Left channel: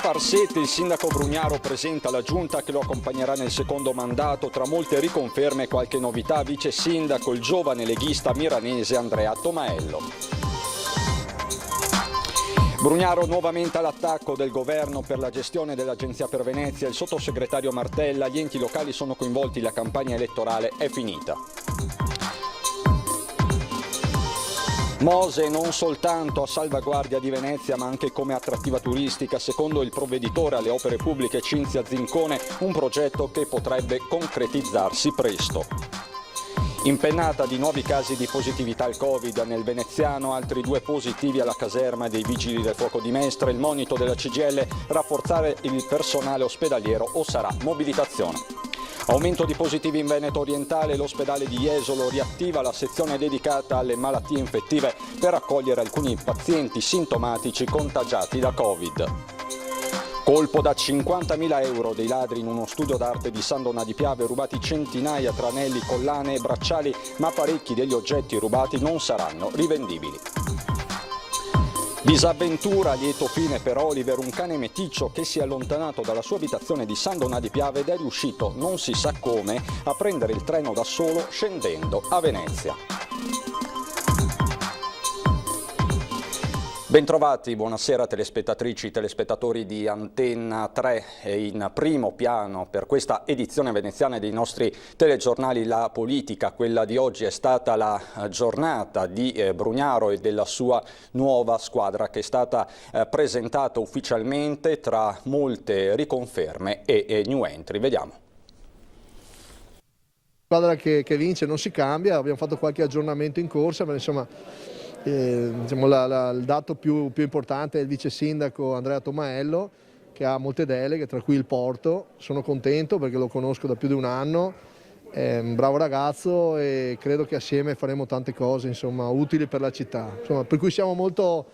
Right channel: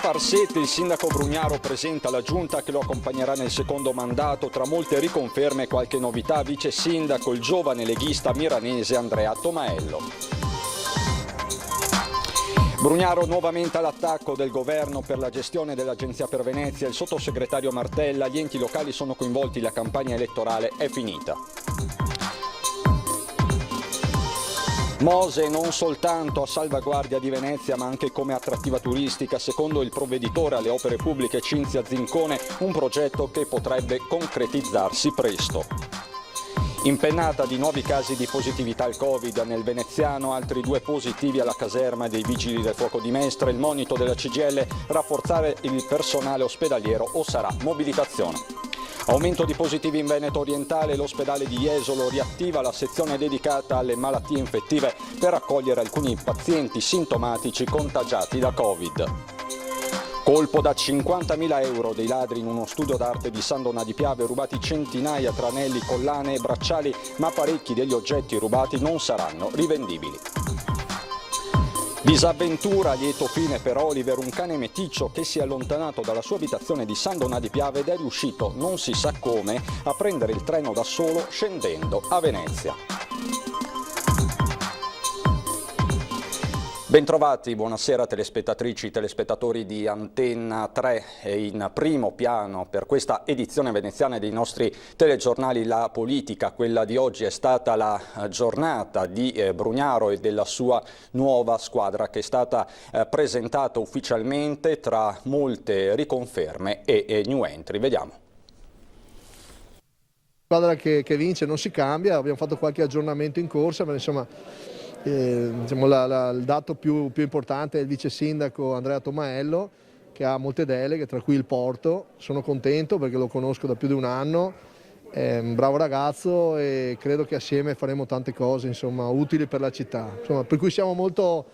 Cafarseti, il sindaco Brugnaro presenta la giunta che lo accompagnerà nel secondo mandato, tra molte riconferme e qualche novità, vice sindaco il giovane leghista milanese Andrea Tomaello. Brugnaro nuovamente all'attacco del governo per la gestione dell'Agenzia per Venezia, il sottosegretario Martella, gli enti locali sono coinvolti, la campagna elettorale è finita. Mose non soltanto a salvaguardia di Venezia ma anche come attrattiva turistica, secondo il provveditore alle opere pubbliche Cinzia Zincone, un progetto che potrebbe concretizzarsi presto. Impennata di nuovi casi di positività al Covid nel veneziano, altri 2 positivi alla caserma dei Vigili del Fuoco di Mestre, il monito della CGIL, rafforzare il personale ospedaliero o sarà mobilitazione. Aumento di positivi in Veneto orientale, l'ospedale di Jesolo riattiva la sezione dedicata alle malattie infettive per accogliere alcuni pazienti sintomatici contagiati da Covid. Colpo da 50.000 euro dei ladri in uno studio d'arte di San Donà di Piave, rubati centinaia tra anelli, collane e bracciali, ma parecchi degli oggetti rubati non saranno rivendibili. Disavventura a lieto fine per Oliver, un cane meticcio che si è allontanato dalla sua abitazione di San Donà di Piave ed è riuscito, non si sa come, a prendere il treno da solo scendendo a Venezia. Bentrovati, buonasera telespettatrici e telespettatori di Antenna 3. In primo piano per questa edizione veneziana dei nostri telegiornali La Politica. Quella di oggi è stata la giornata di Brugnaro e della sua nuova squadra che è stata presentata ufficialmente tra molte riconferme e new entry. Vediamo. La squadra che vince non si cambia, abbiamo fatto qualche aggiornamento in corsa, ma insomma diciamo il dato più importante è il vice sindaco Andrea Tomaello, che ha molte deleghe, tra cui il porto. Sono contento perché lo conosco da più di un anno, è un bravo ragazzo e credo che assieme faremo tante cose, insomma, utili per la città, insomma, per cui siamo molto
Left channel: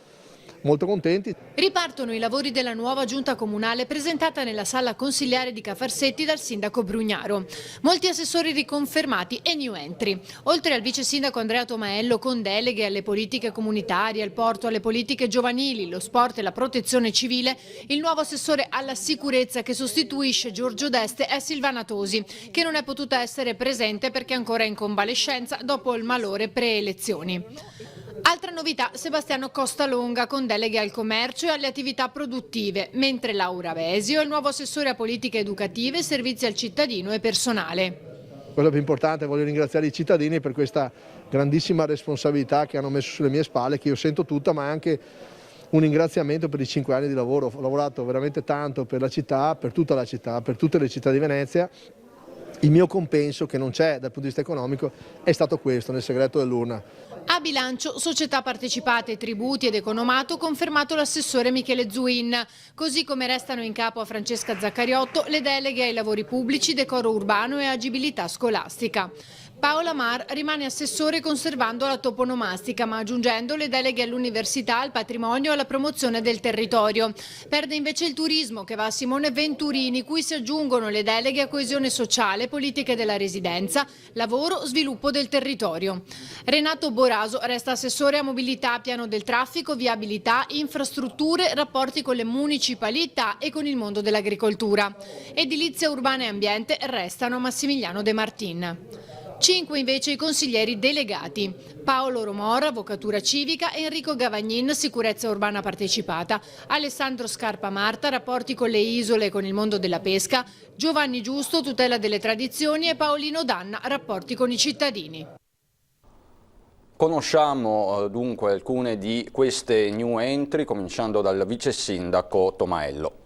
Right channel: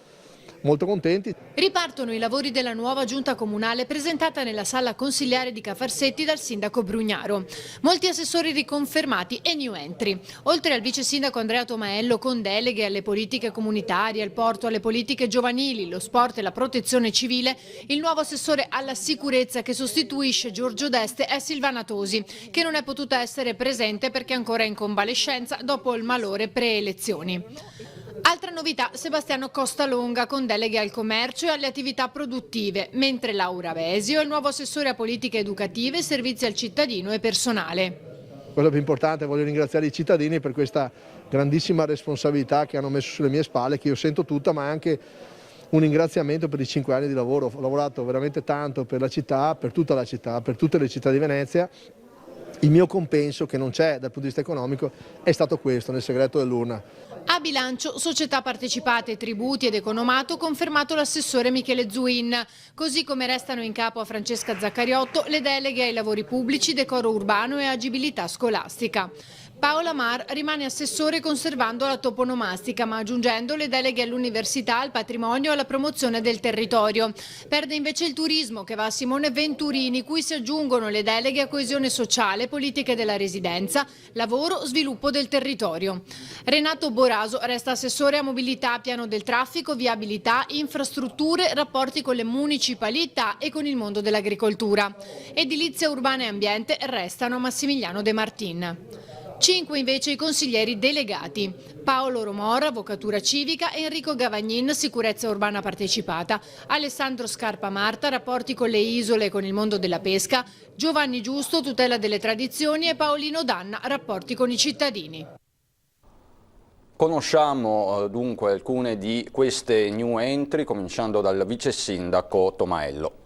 contenti. Ripartono i lavori della nuova giunta comunale presentata nella sala consigliare di Cafarsetti dal sindaco Brugnaro. Molti assessori riconfermati e new entry. Oltre al vice sindaco Andrea Tomaello con deleghe alle politiche comunitarie, al porto, alle politiche giovanili, lo sport e la protezione civile, il nuovo assessore alla sicurezza che sostituisce Giorgio Deste è Silvana Tosi, che non è potuta essere presente perché è ancora in convalescenza dopo il malore pre-elezioni. Altra novità, Sebastiano Costalonga con deleghe al commercio e alle attività produttive, mentre Laura Vesio è il nuovo assessore a politiche educative, servizi al cittadino e personale. Quello più importante è voglio ringraziare i cittadini per questa grandissima responsabilità che hanno messo sulle mie spalle, che io sento tutta, ma anche un ringraziamento per i 5 anni di lavoro. Ho lavorato veramente tanto per la città, per tutta la città, per tutte le città di Venezia. Il mio compenso, che non c'è dal punto di vista economico, è stato questo, nel segreto dell'urna. A bilancio, società partecipate, tributi ed economato, confermato l'assessore Michele Zuin, così come restano in capo a Francesca Zaccariotto le deleghe ai lavori pubblici, decoro urbano e agibilità scolastica. Paola Mar rimane assessore conservando la toponomastica, ma aggiungendo le deleghe all'università, al patrimonio e alla promozione del territorio. Perde invece il turismo, che va a Simone Venturini, cui si aggiungono le deleghe a coesione sociale, politiche della residenza, lavoro, sviluppo del territorio. Renato Boraso resta assessore a mobilità, piano del traffico, viabilità, infrastrutture, rapporti con le municipalità e con il mondo dell'agricoltura. Edilizia urbana e ambiente restano Massimiliano De Martin. 5 invece i consiglieri delegati: Paolo Romora, avvocatura civica, Enrico Gavagnin, sicurezza urbana partecipata, Alessandro Scarpa Marta, rapporti con le isole e con il mondo della pesca, Giovanni Giusto, tutela delle tradizioni e Paolino Danna, rapporti con i cittadini. Conosciamo dunque alcune di queste new entry, cominciando dal vice sindaco Tomaello.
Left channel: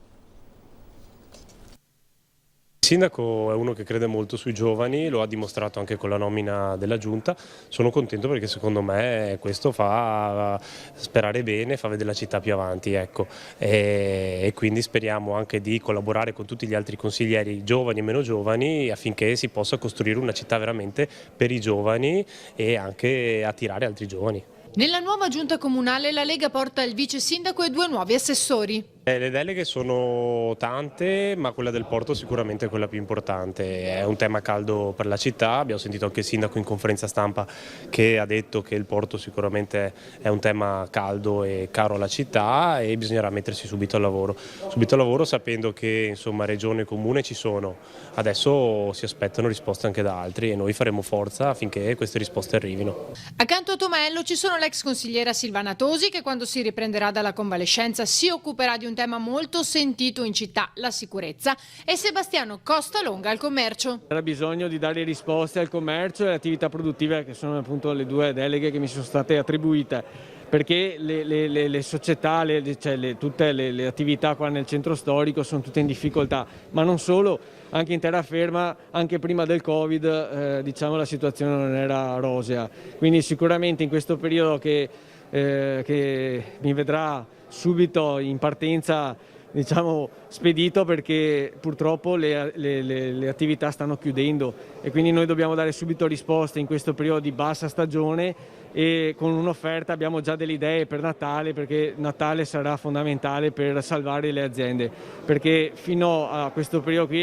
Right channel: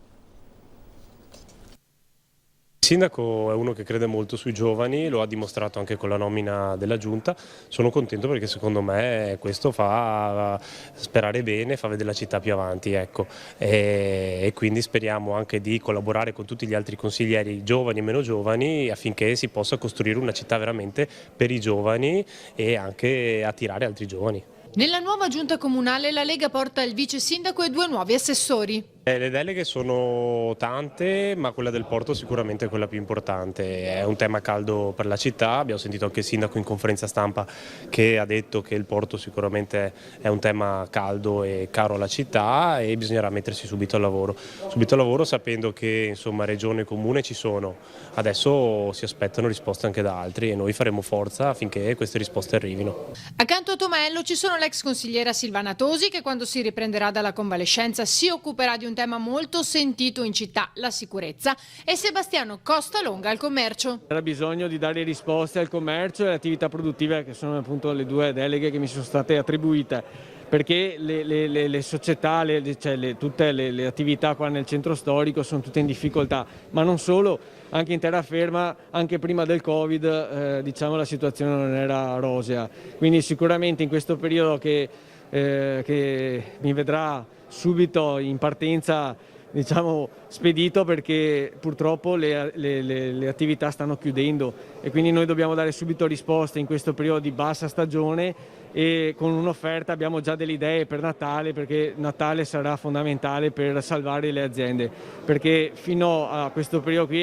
Il sindaco è uno che crede molto sui giovani, lo ha dimostrato anche con la nomina della giunta. Sono contento perché secondo me questo fa sperare bene, fa vedere la città più avanti, ecco. E quindi speriamo anche di collaborare con tutti gli altri consiglieri giovani e meno giovani affinché si possa costruire una città veramente per i giovani e anche attirare altri giovani. Nella nuova giunta comunale la Lega porta il vice sindaco e 2 nuovi assessori. Le deleghe sono tante, ma quella del porto sicuramente è quella più importante. È un tema caldo per la città, abbiamo sentito anche il sindaco in conferenza stampa che ha detto che il porto sicuramente è un tema caldo e caro alla città e bisognerà mettersi subito al lavoro. Subito al lavoro sapendo che insomma regione e comune ci sono, adesso si aspettano risposte anche da altri e noi faremo forza affinché queste risposte arrivino. Accanto a Tomello ci sono l'ex consigliera Silvana Tosi che quando si riprenderà dalla convalescenza si occuperà di un tema molto sentito in città, la sicurezza, e Sebastiano Costalonga al commercio. Era bisogno di dare risposte al commercio e alle attività produttive, che sono appunto le due deleghe che mi sono state attribuite, perché le società, tutte le attività qua nel centro storico sono tutte in difficoltà, ma non solo, anche in terraferma, anche prima del Covid, diciamo la situazione non era rosea. Quindi sicuramente in questo periodo che mi vedrà subito in partenza, diciamo, spedito, perché purtroppo le attività stanno chiudendo e quindi noi dobbiamo dare subito risposte in questo periodo di bassa stagione e con un'offerta abbiamo già delle idee per Natale, perché Natale sarà fondamentale per salvare le aziende, perché fino a questo periodo qui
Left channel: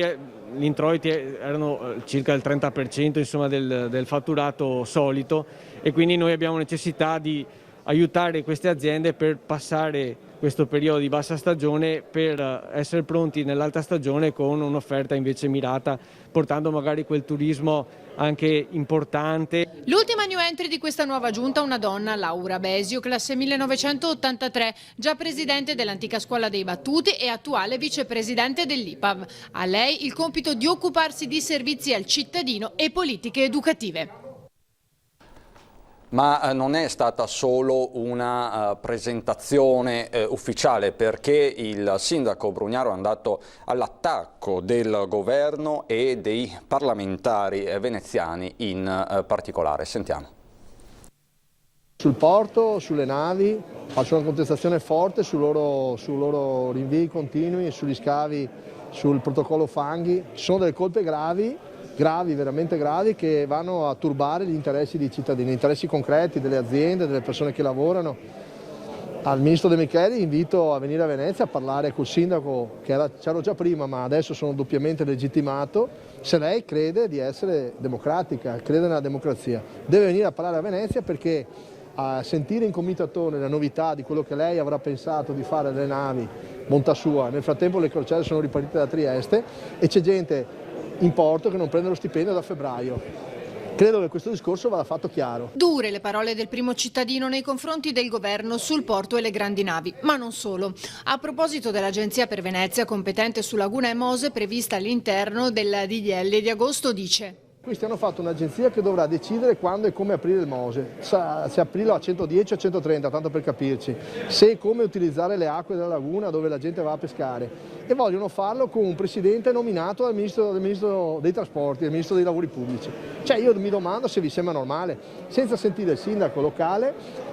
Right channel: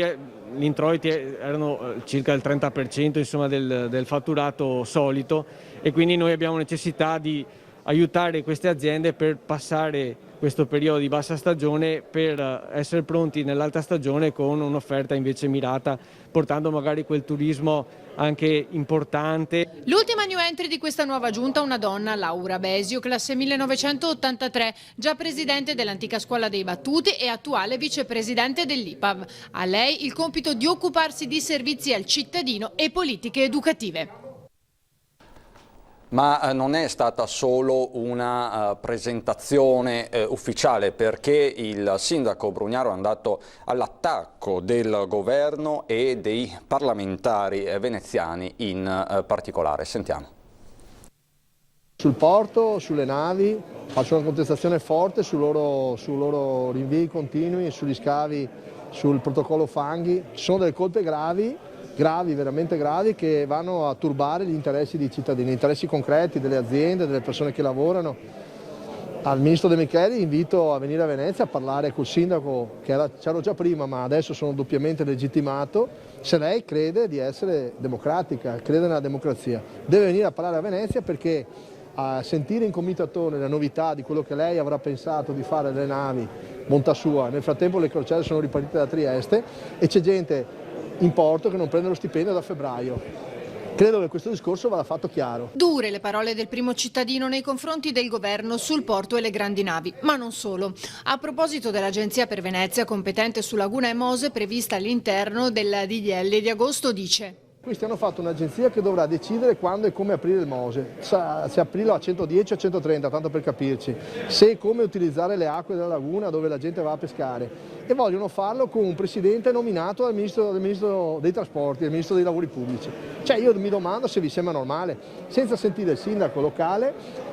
gli introiti erano circa il 30% insomma, del fatturato solito e quindi noi abbiamo necessità di aiutare queste aziende per passare questo periodo di bassa stagione per essere pronti nell'alta stagione con un'offerta invece mirata, portando magari quel turismo anche importante. L'ultima new entry di questa nuova giunta, una donna, Laura Besio, classe 1983, già presidente dell'antica scuola dei Battuti e attuale vicepresidente dell'IPAV. A lei il compito di occuparsi di servizi al cittadino e politiche educative. Ma non è stata solo una presentazione ufficiale, perché il sindaco Brugnaro è andato all'attacco del governo e dei parlamentari veneziani in particolare. Sentiamo. Sul porto, sulle navi, faccio una contestazione forte sui loro rinvii continui, sugli scavi, sul protocollo fanghi. Sono delle colpe gravi, veramente gravi, che vanno a turbare gli interessi dei cittadini, gli interessi concreti delle aziende, delle persone che lavorano. Al ministro De Micheli invito a venire a Venezia a parlare col sindaco, che c'ero già prima ma adesso sono doppiamente legittimato, se lei crede di essere democratica, crede nella democrazia. Deve venire a parlare a Venezia, perché a sentire in comitazione le novità di quello che lei avrà pensato di fare delle navi, bontà sua. Nel frattempo le crociere sono ripartite da Trieste e c'è gente in porto che non prende lo stipendio da febbraio. Credo che questo discorso vada fatto chiaro. Dure le parole del primo cittadino nei confronti del governo sul porto e le grandi navi, ma non solo. A proposito dell'Agenzia per Venezia competente su Laguna e Mose prevista all'interno del DDL di agosto, dice: Questi hanno fatto un'agenzia che dovrà decidere quando e come aprire il Mose, se aprirlo a 110 o a 130, tanto per capirci, se e come utilizzare le acque della laguna dove la gente va a pescare. E vogliono farlo con un presidente nominato dal ministro dei trasporti, dal ministro dei lavori pubblici. Cioè io mi domando se vi sembra normale, senza sentire il sindaco locale,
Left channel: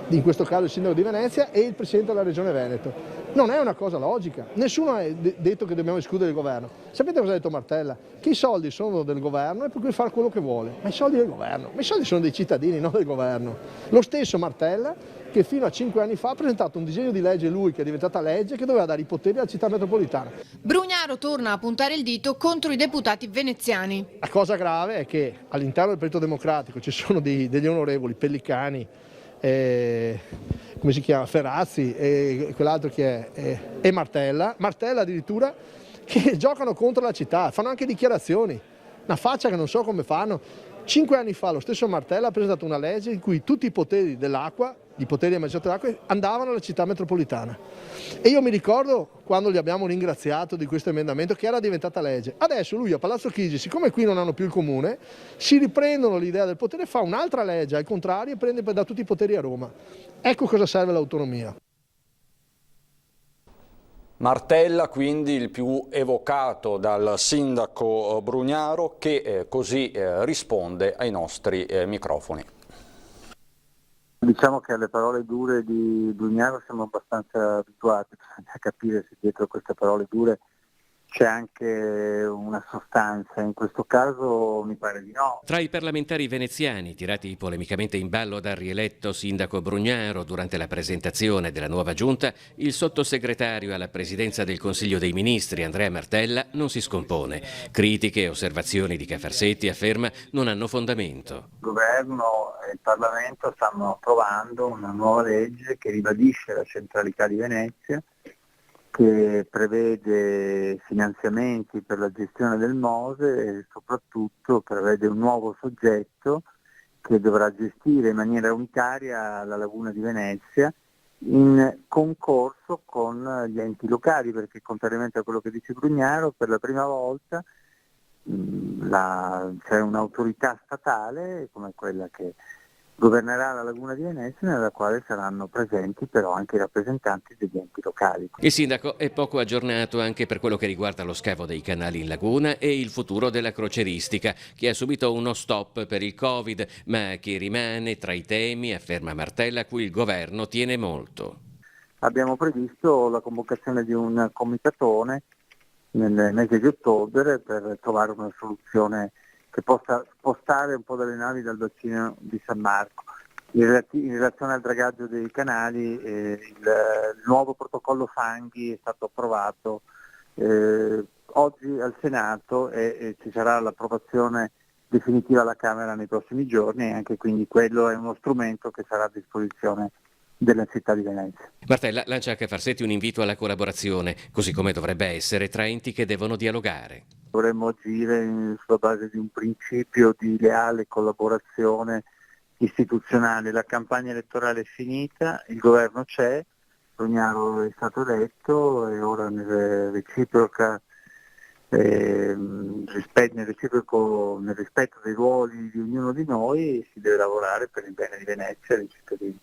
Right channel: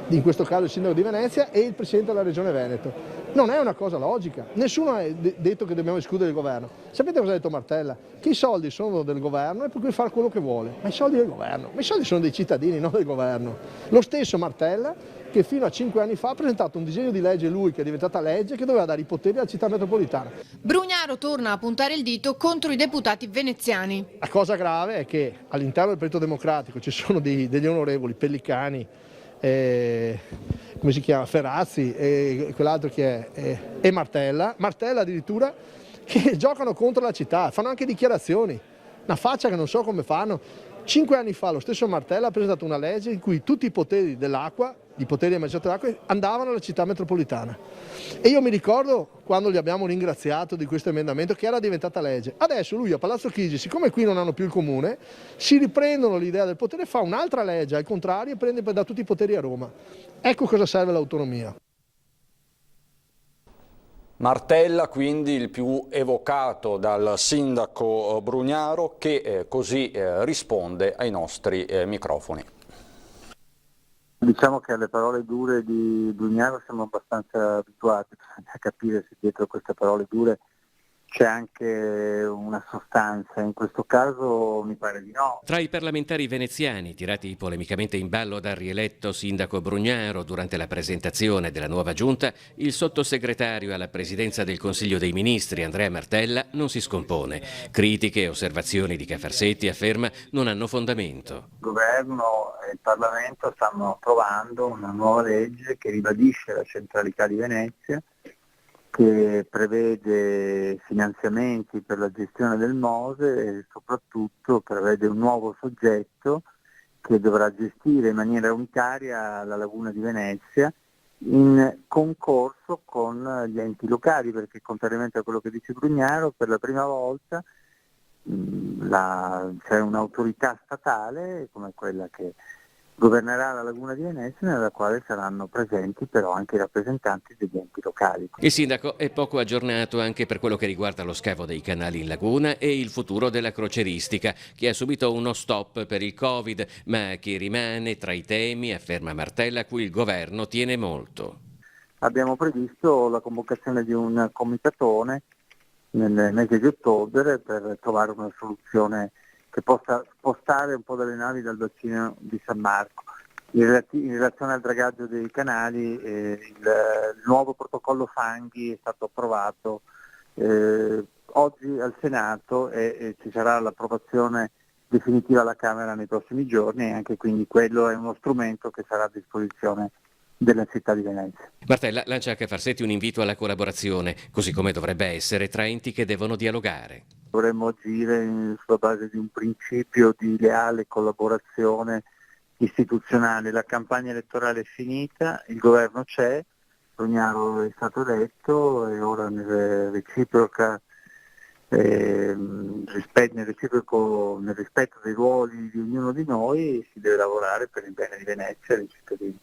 in questo caso il sindaco di Venezia, e il presidente della regione Veneto. Non è una cosa logica, nessuno ha detto che dobbiamo escludere il governo. Sapete cosa ha detto Martella? Che i soldi sono del governo e per cui fare quello che vuole. Ma i soldi del governo, ma i soldi sono dei cittadini, non del governo. Lo stesso Martella che fino a 5 anni fa ha presentato un disegno di legge, lui, che è diventata legge, che doveva dare i poteri alla città metropolitana. Brugnaro torna a puntare il dito contro i deputati veneziani. La cosa grave è che all'interno del Partito Democratico ci sono degli onorevoli, Pellicani, come si chiama, Ferrazzi e quell'altro che è, e Martella addirittura, che giocano contro la città, fanno anche dichiarazioni, una faccia che non so come fanno. 5 anni fa lo stesso Martella ha presentato una legge in cui tutti i poteri dell'acqua, i poteri amministrativi dell'acqua, andavano alla città metropolitana. E io mi ricordo quando li abbiamo ringraziato di questo emendamento, che era diventata legge. Adesso lui a Palazzo Chigi, siccome qui non hanno più il comune, si riprendono l'idea del potere, fa un'altra legge al contrario e prende da tutti i poteri a Roma. Ecco cosa serve l'autonomia. Martella quindi il più evocato dal sindaco Brugnaro, che così risponde ai nostri microfoni. Diciamo che alle parole dure di Brugnaro siamo abbastanza abituati, bisogna capire se dietro queste parole dure c'è anche una sostanza, in questo caso mi pare di no. Tra i parlamentari veneziani tirati polemicamente in ballo dal rieletto sindaco Brugnaro durante la presentazione della nuova giunta, il sottosegretario alla presidenza del Consiglio dei Ministri Andrea Martella non si scompone. Critiche e osservazioni di Cafarsetti, afferma, non hanno fondamento. Il governo e il Parlamento stanno approvando una nuova legge che ribadisce la centralità di Venezia, che prevede finanziamenti per la gestione del Mose e soprattutto prevede un nuovo soggetto che dovrà gestire in maniera unitaria la laguna di Venezia in concorso con gli enti locali, perché contrariamente a quello che dice Brugnaro, per la prima volta c'è un'autorità statale come quella che governerà la laguna di Venezia, nella quale saranno presenti però anche i rappresentanti degli enti locali. Il sindaco è poco aggiornato anche per quello che riguarda lo scavo dei canali in laguna e il futuro della crocieristica, che ha subito uno stop per il Covid, ma che rimane tra i temi, afferma Martella, a cui il governo tiene molto. Abbiamo previsto la convocazione di un comitatone nel mese di ottobre per trovare una soluzione che possa spostare un po' delle navi dal bacino di San Marco. In relazione al dragaggio dei canali, il nuovo protocollo fanghi è stato approvato oggi al Senato e ci sarà l'approvazione definitiva alla Camera nei prossimi giorni, e anche quindi quello è uno strumento che sarà a disposizione della città di Venezia. Martella lancia a Cafarsetti un invito alla collaborazione, così come dovrebbe essere, tra enti che devono dialogare. Dovremmo agire sulla base di un principio di leale collaborazione istituzionale. La campagna elettorale è finita, il governo c'è, Brugnaro è stato eletto e ora nel rispetto dei ruoli di ognuno di noi si deve lavorare per il bene di Venezia e dei cittadini.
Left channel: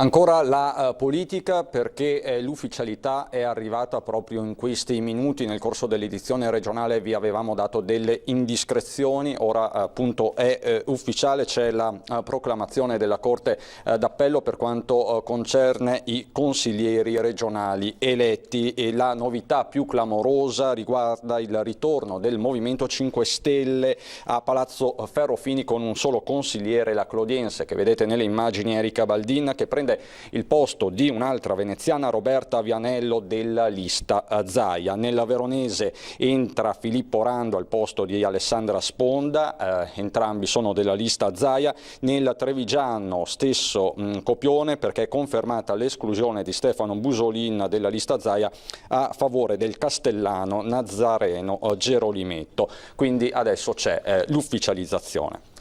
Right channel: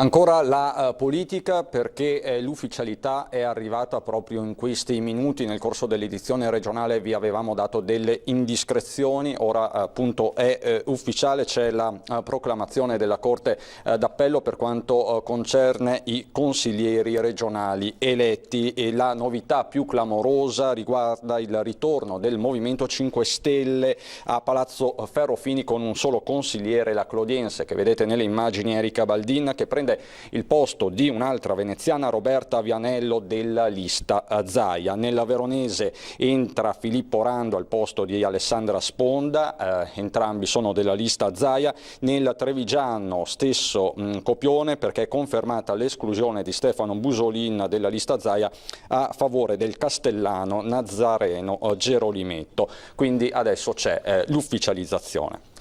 Ancora la politica, perché l'ufficialità è arrivata proprio in questi minuti. Nel corso dell'edizione regionale vi avevamo dato delle indiscrezioni, ora appunto è ufficiale, c'è la proclamazione della Corte d'Appello per quanto concerne i consiglieri regionali eletti, e la novità più clamorosa riguarda il ritorno del Movimento 5 Stelle a Palazzo Ferrofini con un solo consigliere, la clodiense che vedete nelle immagini, Erika Baldin, che prende il posto di un'altra veneziana, Roberta Vianello, della lista Zaia. Nella veronese entra Filippo Rando al posto di Alessandra Sponda, entrambi sono della lista Zaia. Nel trevigiano stesso copione, perché è confermata l'esclusione di Stefano Busolin della lista Zaia a favore del castellano Nazareno Gerolimetto. Quindi adesso c'è l'ufficializzazione.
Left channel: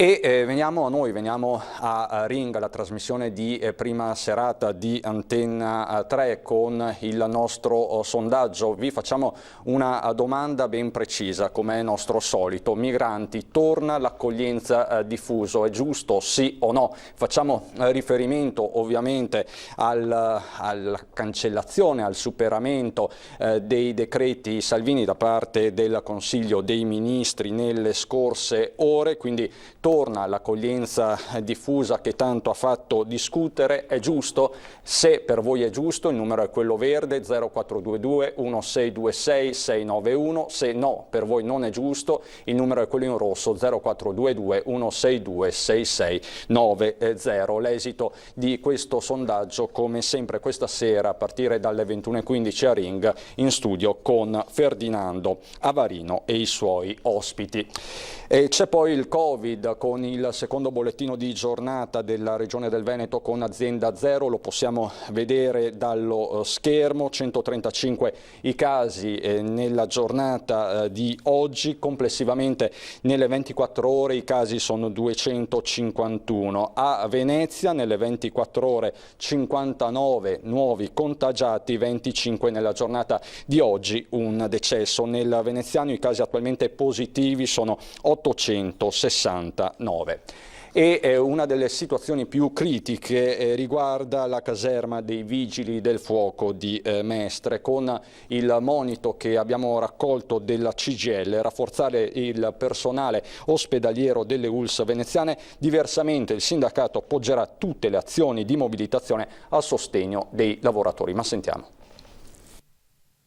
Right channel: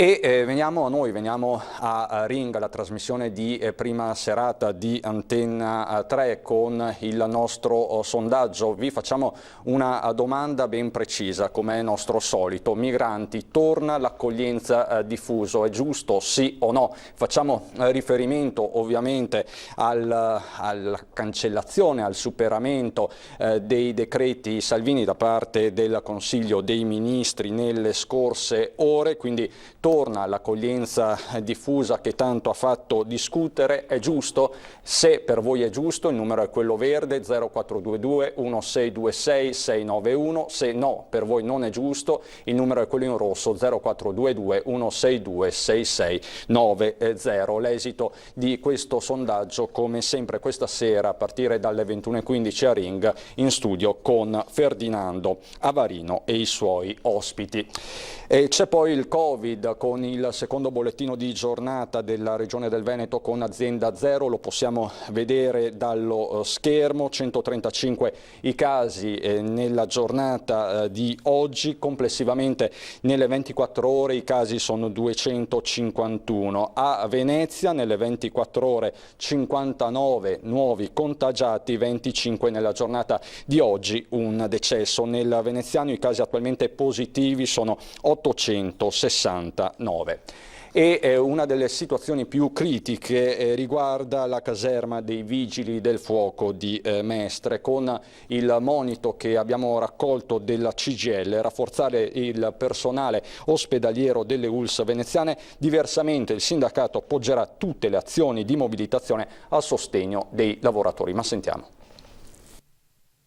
E veniamo a Ring, la trasmissione di prima serata di Antenna 3 con il nostro sondaggio. Vi facciamo una domanda ben precisa, come è nostro solito. Migranti, torna l'accoglienza diffuso, è giusto sì o no? Facciamo riferimento ovviamente alla cancellazione, al superamento dei decreti Salvini da parte del Consiglio dei Ministri nelle scorse ore, quindi torna l'accoglienza diffusa che tanto ha fatto discutere. È giusto? Se per voi è giusto, il numero è quello verde, 0422 1626 691. Se no, per voi non è giusto, il numero è quello in rosso, 0422 162 6690. L'esito di questo sondaggio, come sempre questa sera a partire dalle 21:15 a Ring, in studio con Ferdinando Avarino e i suoi ospiti. E c'è poi il Covid, con il secondo bollettino di giornata della Regione del Veneto con azienda zero, lo possiamo vedere dallo schermo, 135 i casi nella giornata di oggi, complessivamente nelle 24 ore i casi sono 251. A Venezia nelle 24 ore 59 nuovi contagiati, 25 nella giornata di oggi, un decesso. Nel veneziano i casi attualmente positivi sono 869. E una delle situazioni più critiche riguarda la caserma dei Vigili del Fuoco di Mestre, con il monito che abbiamo raccolto della CGIL, rafforzare il personale ospedaliero delle ULSS veneziane. Diversamente il sindacato appoggerà tutte le azioni di mobilitazione a sostegno dei lavoratori. Ma sentiamo.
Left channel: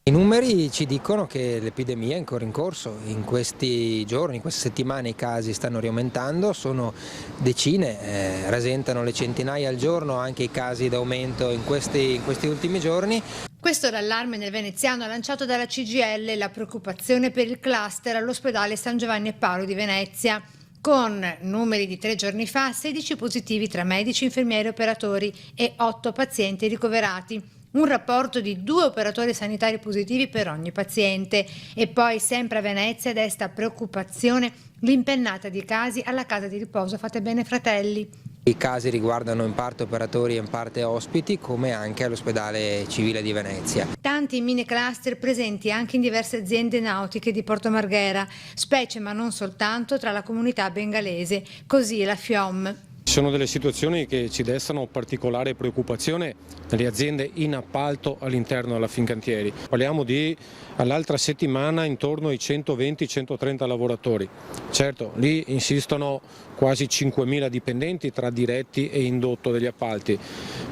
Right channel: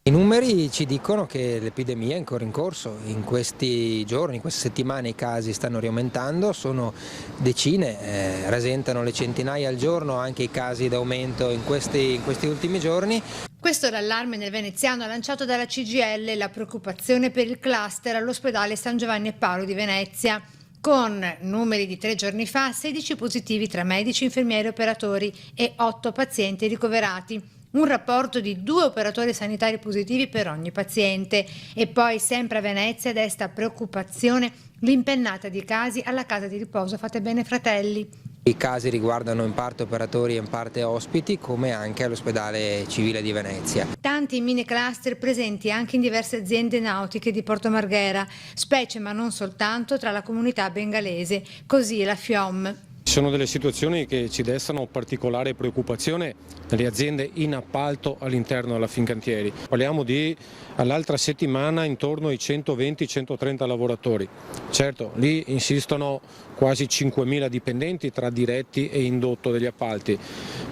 I numeri ci dicono che l'epidemia è ancora in corso, in questi giorni, in queste settimane i casi stanno riaumentando, sono decine, rasentano le centinaia al giorno anche i casi d'aumento in questi ultimi giorni. Questo è l'allarme nel veneziano lanciato dalla CGIL e la preoccupazione per il cluster all'ospedale San Giovanni e Paolo di Venezia. Con numeri di 3 giorni fa, 16 positivi tra medici, infermieri e operatori e 8 pazienti ricoverati. Un rapporto di 2 operatori sanitari positivi per ogni paziente. E poi, sempre a Venezia, desta preoccupazione l'impennata di casi alla casa di riposo Fatebenefratelli Fratelli. I casi riguardano in parte operatori e in parte ospiti, come anche all'ospedale civile di Venezia. Tanti mini cluster presenti anche in diverse aziende nautiche di Porto Marghera, specie ma non soltanto tra la comunità bengalese, così la FIOM. Ci sono delle situazioni che ci destano particolare preoccupazione nelle aziende in appalto all'interno della Fincantieri. Parliamo di all'altra settimana intorno ai 120-130 lavoratori. Certo, lì insistono quasi 5.000 dipendenti tra diretti e indotto degli appalti,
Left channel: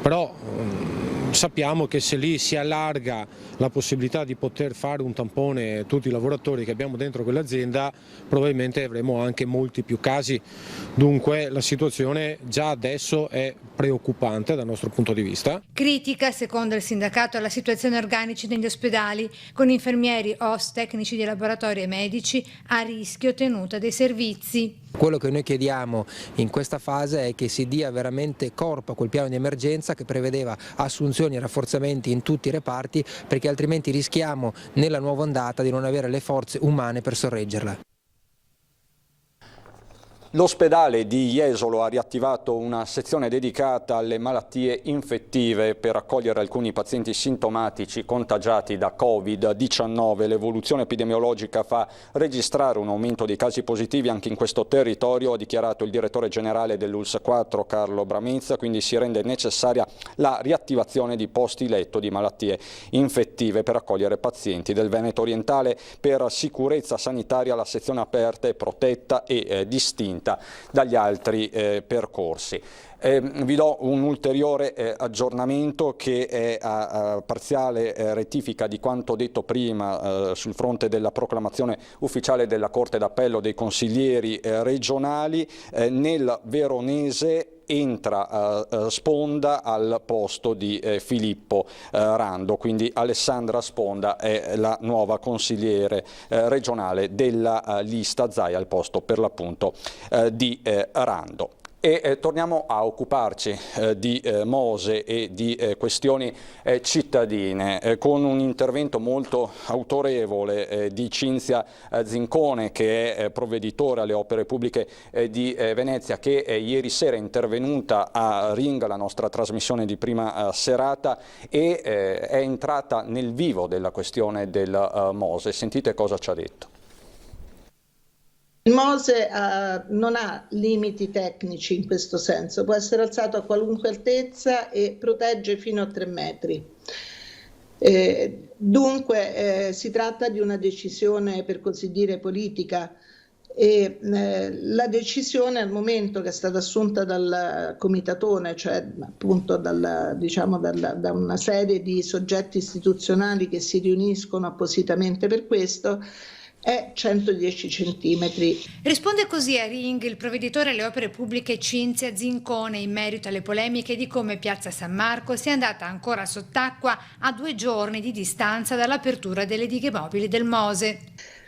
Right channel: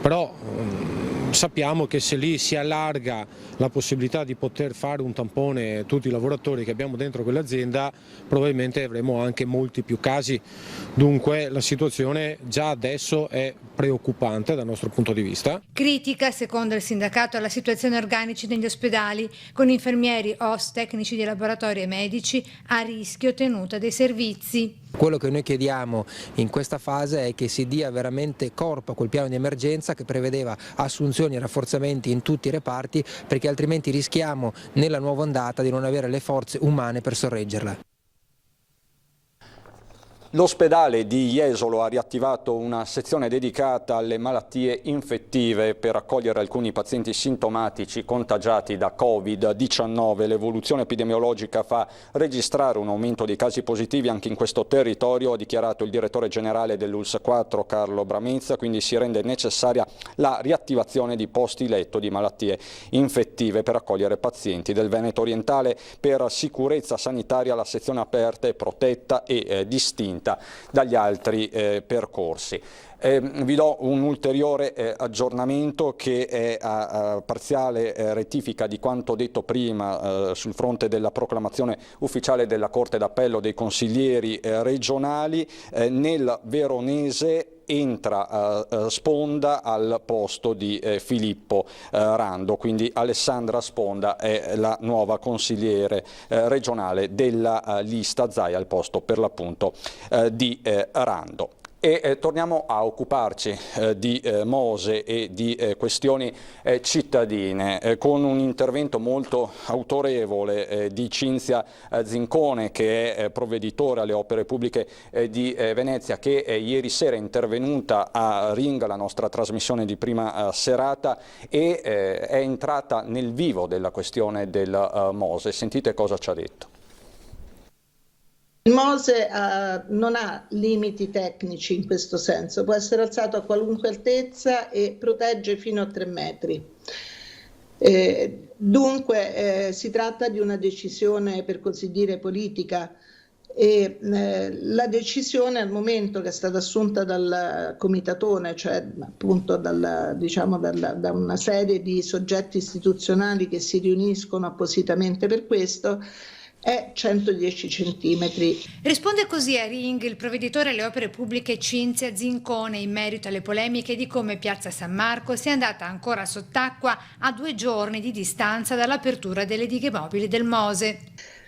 però sappiamo che se lì si allarga la possibilità di poter fare un tampone a tutti i lavoratori che abbiamo dentro quell'azienda, probabilmente avremo anche molti più casi. Dunque la situazione già adesso è preoccupante dal nostro punto di vista. Critica, secondo il sindacato, la situazione organici negli ospedali, con infermieri, OSS, tecnici di laboratorio e medici a rischio tenuta dei servizi. Quello che noi chiediamo in questa fase è che si dia veramente corpo a quel piano di emergenza che prevedeva assunzioni e rafforzamenti in tutti i reparti, perché altrimenti rischiamo nella nuova ondata di non avere le forze umane per sorreggerla. L'ospedale di Jesolo ha riattivato una sezione dedicata alle malattie infettive per accogliere alcuni pazienti sintomatici contagiati da Covid-19. L'evoluzione epidemiologica fa registrare un aumento di casi positivi anche in questo territorio, ha dichiarato il direttore generale dell'ULSS 4 Carlo Bramizza, quindi si rende necessaria la riattivazione di posti letto di malattie infettive per accogliere pazienti del Veneto orientale. Per sicurezza sanitaria la sezione aperta è protetta e distinta dagli altri percorsi. Vi do un ulteriore aggiornamento che è a parziale rettifica di quanto detto prima sul fronte della proclamazione ufficiale della Corte d'Appello dei consiglieri regionali. Nel veronese entra Sponda al posto di Filippo Rando, quindi Alessandra Sponda è la nuova consigliere regionale della lista Zai al posto per l'appunto di Rando. E torniamo a occuparci di Mose e di questioni cittadine con un intervento molto autorevole di Cinzia Zincone, che è provveditore alle opere pubbliche di Venezia, che ieri sera è intervenuta a Ring, la nostra trasmissione di prima serata, e è entrata nel vivo della questione del Mose. Sentite cosa ci ha detto. Il Mose non ha limiti tecnici in questo senso, può essere alzato a qualunque altezza e protegge fino a 3 metri. Dunque si tratta di una decisione, per così dire, politica, e la decisione al momento che è stata assunta dal comitatone, cioè appunto da una serie di soggetti istituzionali che si riuniscono appositamente per questo, è 110 centimetri. Risponde così a Ring il provveditore alle opere pubbliche Cinzia Zincone in merito alle polemiche di come Piazza San Marco sia andata ancora sott'acqua a 2 giorni di distanza dall'apertura delle dighe mobili del Mose.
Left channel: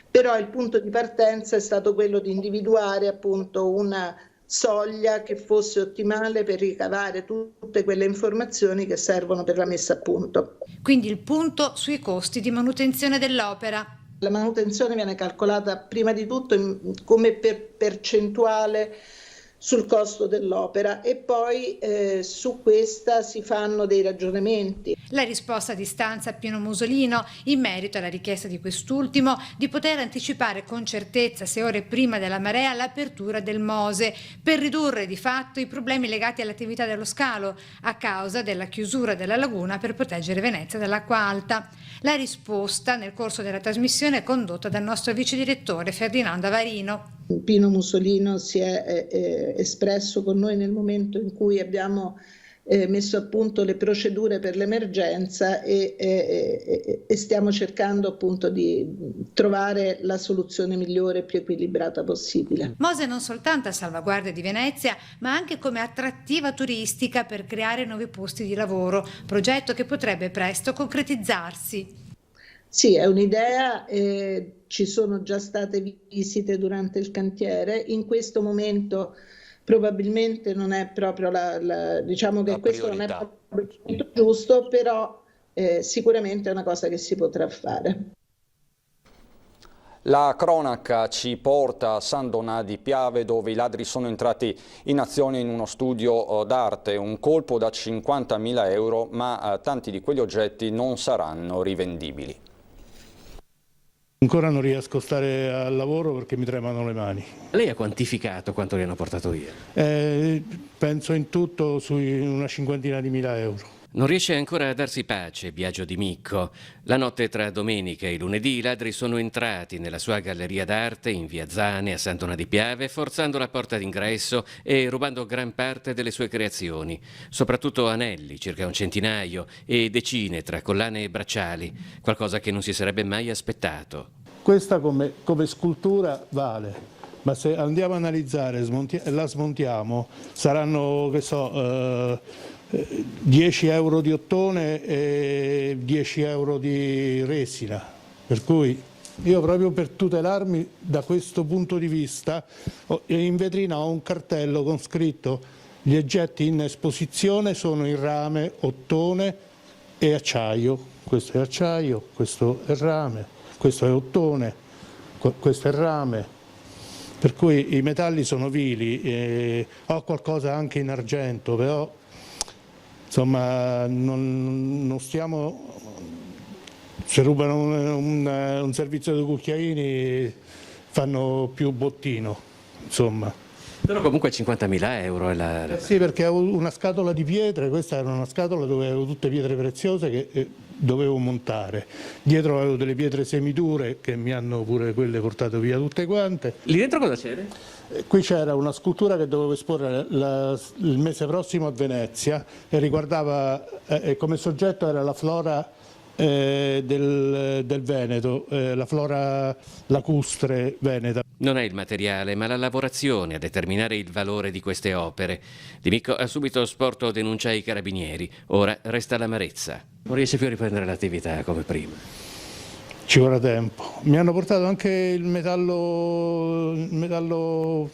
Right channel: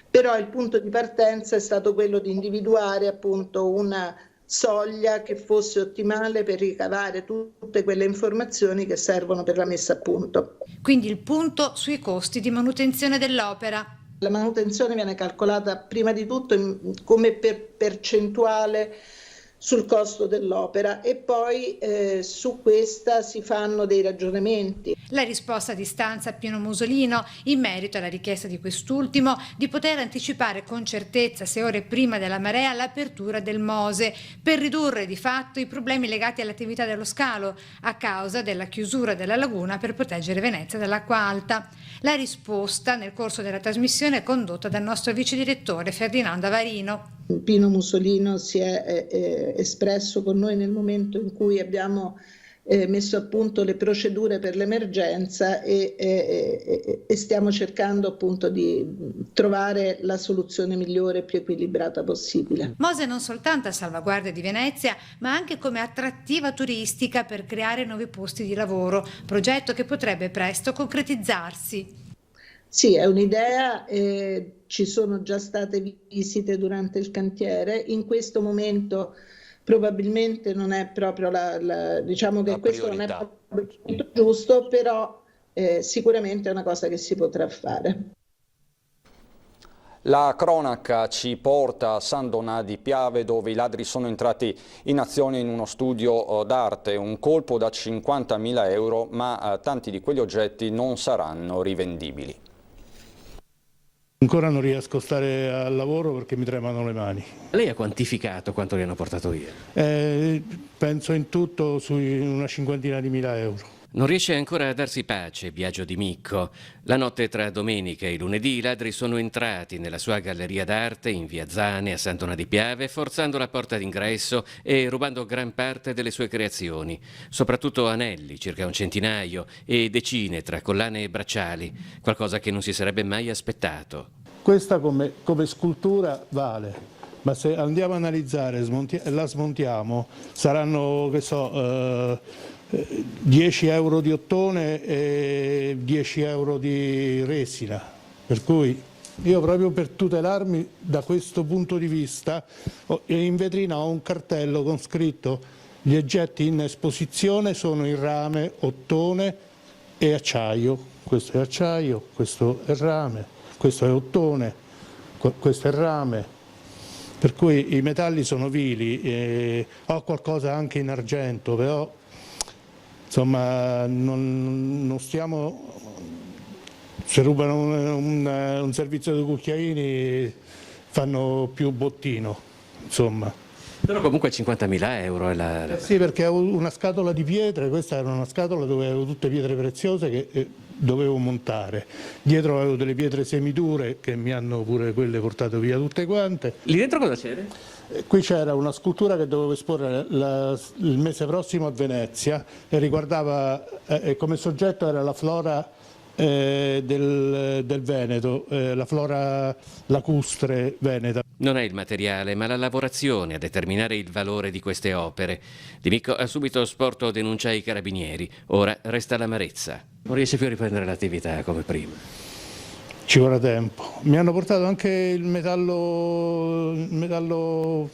Però il punto di partenza è stato quello di individuare appunto una soglia che fosse ottimale per ricavare tutte quelle informazioni che servono per la messa a punto. Quindi il punto sui costi di manutenzione dell'opera. La manutenzione viene calcolata prima di tutto come percentuale sul costo dell'opera e poi su questa si fanno dei ragionamenti. La risposta a distanza a Pino Musolino in merito alla richiesta di quest'ultimo di poter anticipare con certezza 6 ore prima della marea l'apertura del Mose per ridurre di fatto i problemi legati all'attività dello scalo a causa della chiusura della laguna per proteggere Venezia dall'acqua alta. La risposta nel corso della trasmissione è condotta dal nostro vice direttore Ferdinando Avarino. Pino Musolino si è espresso con noi nel momento in cui abbiamo messo a punto le procedure per l'emergenza e stiamo cercando appunto di trovare la soluzione migliore e più equilibrata possibile. Mose non soltanto a salvaguardia di Venezia, ma anche come attrattiva turistica per creare nuovi posti di lavoro, progetto che potrebbe presto concretizzarsi. Sì, è un'idea, ci sono già state visite durante il cantiere, in questo momento probabilmente non è proprio diciamo che questo non è proprio il momento giusto, però sicuramente è una cosa che si potrà fare. La cronaca ci porta a San Donà di Piave, dove i ladri sono entrati in azione in uno studio d'arte, un colpo da 50.000 euro, ma tanti di quegli oggetti non saranno rivendibili. Ancora non riesco a stare al lavoro perché mi tremano le mani. Lei ha quantificato quanto le hanno portato via? Penso in tutto su una 50.000 euro. Non riesce ancora a darsi pace Biagio Di Micco. La notte tra domenica e lunedì i ladri sono entrati nella sua galleria d'arte in via Zane a San Donà di Piave, forzando la porta d'ingresso e rubando gran parte delle sue creazioni, soprattutto anelli, circa un centinaio, e decine tra collane e bracciali, qualcosa che non si sarebbe mai aspettato. Questa come scultura vale, ma se andiamo a analizzare, la smontiamo, saranno, che so, 10 euro di ottone e 10 euro di resina, per cui io proprio per tutelarmi da questo punto di vista in vetrina ho un cartello con scritto: gli oggetti in esposizione sono in rame, ottone e acciaio. Questo è acciaio, questo è rame, questo è ottone, questo è rame. Per cui i metalli sono vili, ho qualcosa anche in argento, però insomma non stiamo, se rubano un servizio di cucchiaini fanno più bottino, insomma. Però comunque 50.000 euro è la... Sì, perché ho una scatola di pietre, questa era una scatola dove avevo tutte pietre preziose che dovevo montare. Dietro avevo delle pietre semidure che mi hanno pure quelle portate via tutte quante. Lì dentro cosa c'era? Qui c'era una scultura che dovevo esporre il mese prossimo a Venezia e riguardava, come soggetto era la flora del Veneto, la flora lacustre veneta. Non è il materiale, ma la lavorazione a determinare il valore di queste opere. Di Micco ha subito sporto denuncia ai carabinieri, ora resta l'amarezza. Non riesce più a riprendere l'attività come prima. Ci vorrà tempo. Mi hanno portato anche il metallo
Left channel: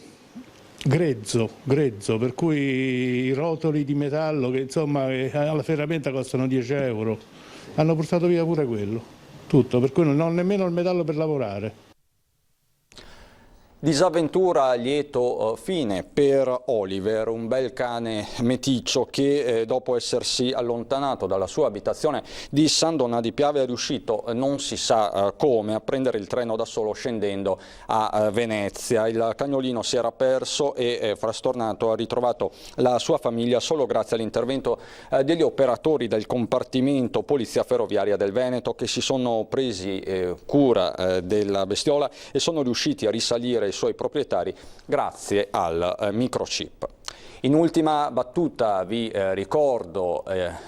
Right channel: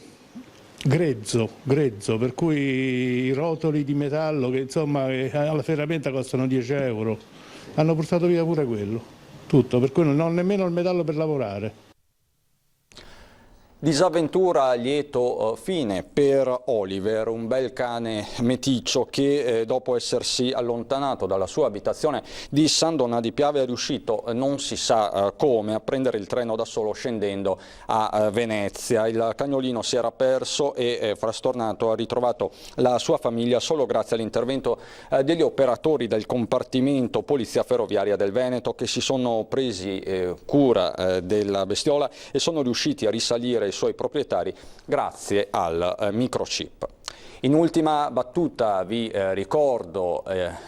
grezzo, per cui i rotoli di metallo che insomma alla ferramenta costano 10 euro. Hanno portato via pure quello, tutto, per cui non ho nemmeno il metallo per lavorare. Disavventura a lieto fine per Oliver, un bel cane meticcio che dopo essersi allontanato dalla sua abitazione di San Donà di Piave è riuscito, non si sa come, a prendere il treno da solo scendendo a Venezia. Il cagnolino si era perso e frastornato ha ritrovato la sua famiglia solo grazie all'intervento degli operatori del compartimento Polizia Ferroviaria del Veneto, che si sono presi cura della bestiola e sono riusciti a risalire i suoi proprietari grazie al microchip. In ultima battuta vi ricordo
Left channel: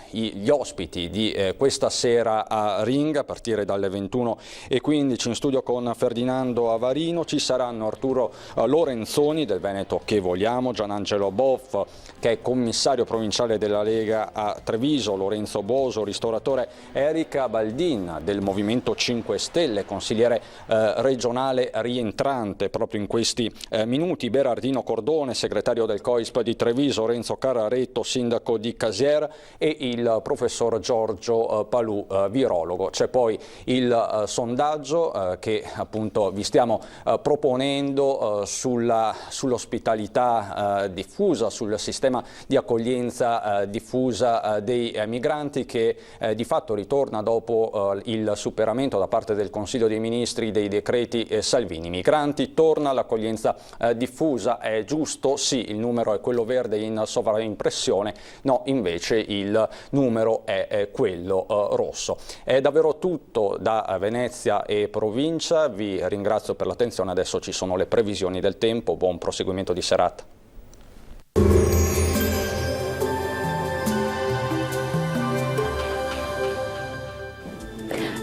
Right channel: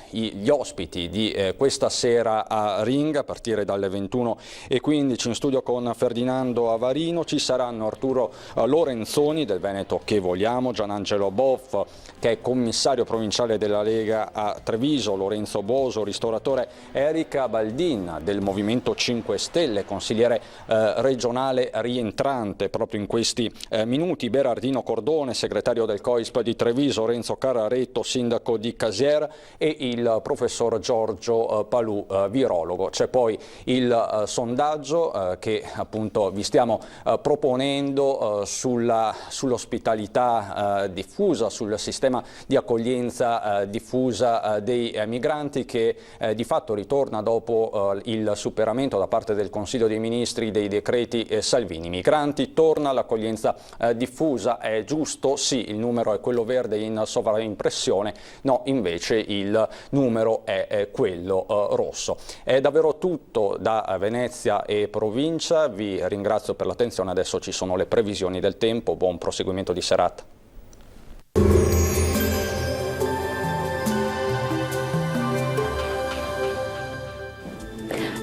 gli ospiti di questa sera a Ring a partire dalle 21:15 in studio con Ferdinando Avarino. Ci saranno Arturo Lorenzoni del Veneto che vogliamo, Gianangelo Boff che è commissario provinciale della Lega a Treviso, Lorenzo Boso, ristoratore, Erika Baldin del Movimento 5 Stelle, consigliere regionale rientrante proprio in questi minuti, Berardino Cordone, segretario del COISP di Treviso, Renzo Cararetto, sindaco di Casier e il professor Giorgio Palù, virologo. C'è poi il sondaggio che appunto vi stiamo proponendo sull'ospitalità diffusa, sul sistema di accoglienza diffusa dei migranti che di fatto ritorna dopo il superamento da parte del Consiglio dei Ministri dei decreti Salvini. Migranti, torna l'accoglienza diffusa, è giusto? Sì, il numero è quello verde in sovraimpressione, no, invece il numero è quello rosso. È davvero tutto da Venezia e provincia, vi ringrazio per l'attenzione, adesso ci sono le previsioni del tempo, buon proseguimento di serata.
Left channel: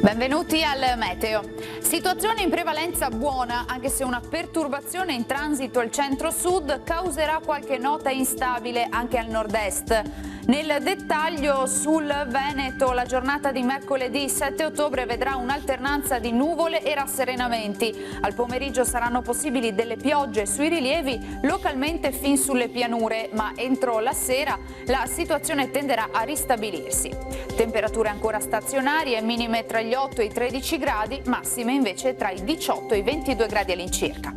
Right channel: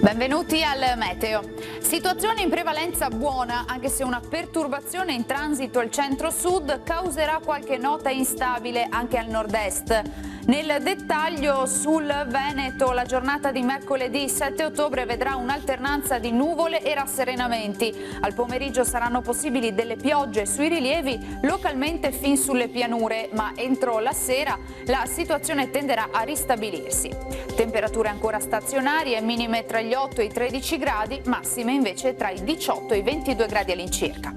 Benvenuti al Meteo. Situazione in prevalenza buona, anche se una perturbazione in transito al centro-sud causerà qualche nota instabile anche al nord-est. Nel dettaglio sul Veneto, la giornata di mercoledì 7 ottobre vedrà un'alternanza di nuvole e rasserenamenti. Al pomeriggio saranno possibili delle piogge sui rilievi, localmente fin sulle pianure, ma entro la sera la situazione tenderà a ristabilirsi. Temperature ancora stazionarie, minime tra gli 8 e i 13 gradi, massime invece tra i 18 e i 22 gradi all'incirca.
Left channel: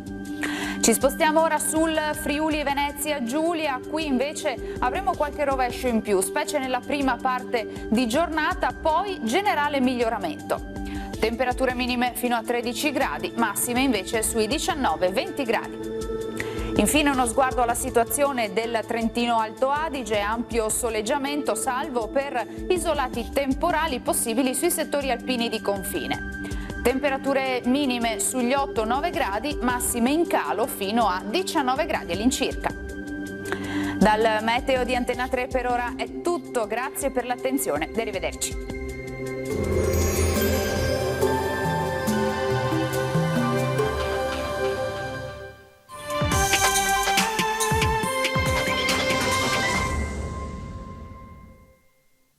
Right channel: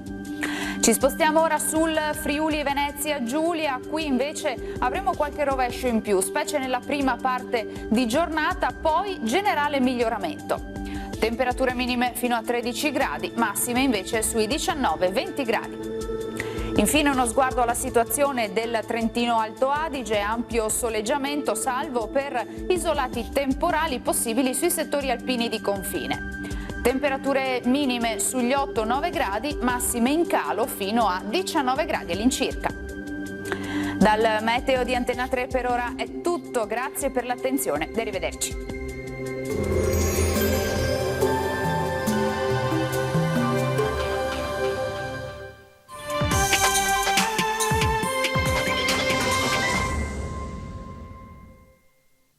Ci spostiamo ora sul Friuli Venezia Giulia, qui invece avremo qualche rovescio in più, specie nella prima parte di giornata, poi generale miglioramento. Temperature minime fino a 13 gradi, massime invece sui 19-20 gradi. Infine uno sguardo alla situazione del Trentino Alto Adige, ampio soleggiamento salvo per isolati temporali possibili sui settori alpini di confine. Temperature minime sugli 8-9 gradi, massime in calo fino a 19 gradi all'incirca. Dal Meteo di Antena 3 per ora è tutto, grazie per l'attenzione, arrivederci.